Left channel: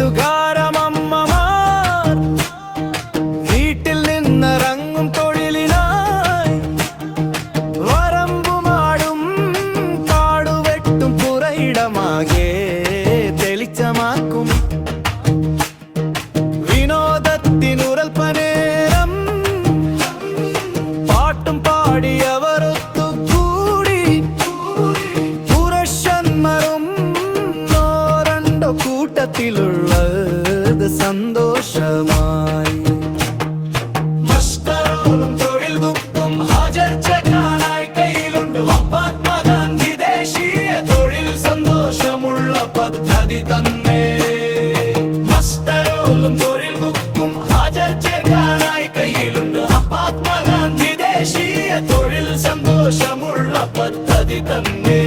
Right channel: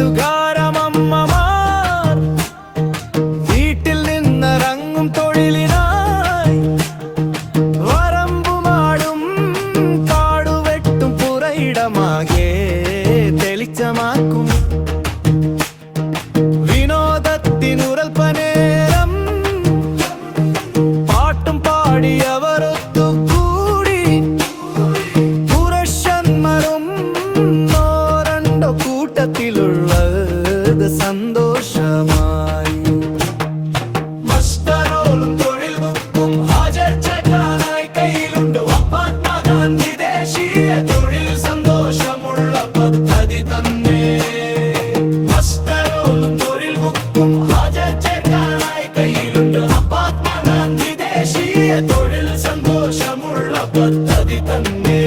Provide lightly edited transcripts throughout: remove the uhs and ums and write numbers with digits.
പ്രദേശത്തുകാരമമ്മമാർ വീട്ടിൽ നിന്നിറങ്ങും തൊഴിലിനായി വരമ്പുമാടും കാടുവെട്ടും പുറയിടമാകെ തെളിച്ചമാക്കും. വിനോദത്തിനുറൽപ്പനേരം പാട്ടും പാടിയവർ ഒത്തുകൂടി പുരുഷന്മാരും രണ്ടോ കൂട്ടത്തിലുള്ളത് സന്തോഷമായി. മസ്റ്ററോളും തൊഴിൽ ബുക്കും ഹാജർ ചെക്കാനായി കയ്യിലുണ്ട്. മഹാത്മാഗാന്ധി ദേശീയ തൊഴിൽ സന്തോഷമുള്ള പദ്ധതി തന്നെ. മസ്റ്ററോളും തൊഴിൽ ബുക്കും ഹാജർ ചെക്കാനായി കയ്യിലുണ്ട്. മഹാത്മാഗാന്ധി ദേശീയ തൊഴിൽ സന്തോഷമുള്ള പദ്ധതി തന്നെ.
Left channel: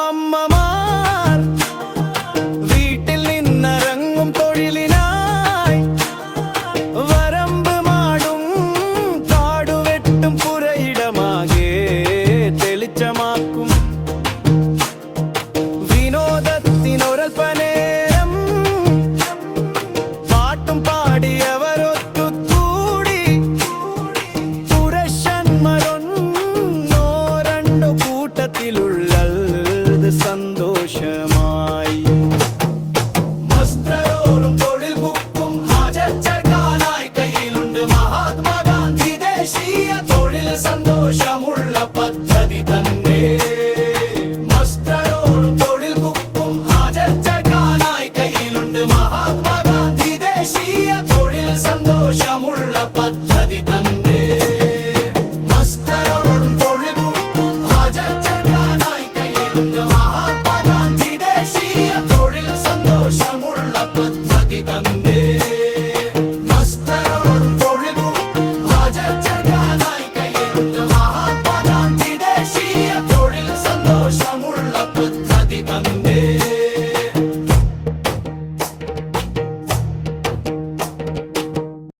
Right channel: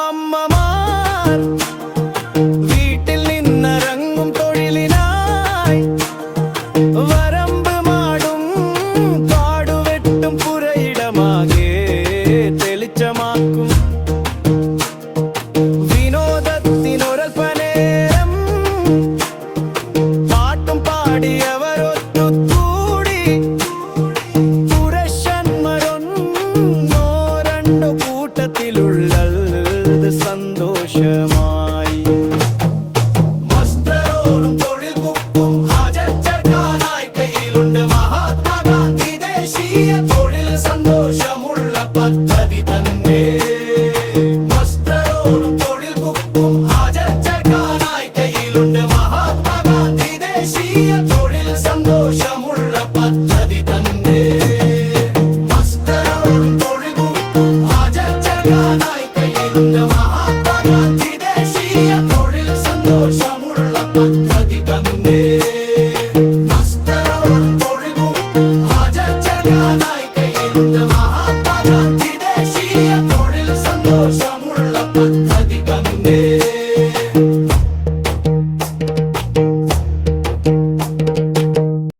പ്രദേശത്തുകാരമമ്മമാർ വീട്ടിൽ നിന്നിറങ്ങും തൊഴിലിനായി വരമ്പ് മാടും കാടുവെട്ടും പുരയിടമാകെ തെളിച്ചമാക്കും. വിനോദത്തിനൊരൽപ്പനേരം പാട്ടും പാടിയവരൊത്തുകൂടി പുരുഷന്മാരൊന്നോ കൂട്ടത്തിലുള്ളത് സന്തോഷമായി. മസ്റ്ററോളും തൊഴിൽ ബുക്കും ഹാജർ ചേർക്കാനായി കയ്യിലുണ്ട്. മഹാത്മാഗാന്ധി ദേശീയ തൊഴിൽ സന്തോഷമുള്ള പദ്ധതി തന്നെ. മസ്റ്ററോളും തൊഴിൽ ബുക്കും ഹാജർ ചേർക്കാനായി കയ്യിലുണ്ട്. മഹാത്മാഗാന്ധി ദേശീയ തൊഴിൽ സന്തോഷമുള്ള പദ്ധതി.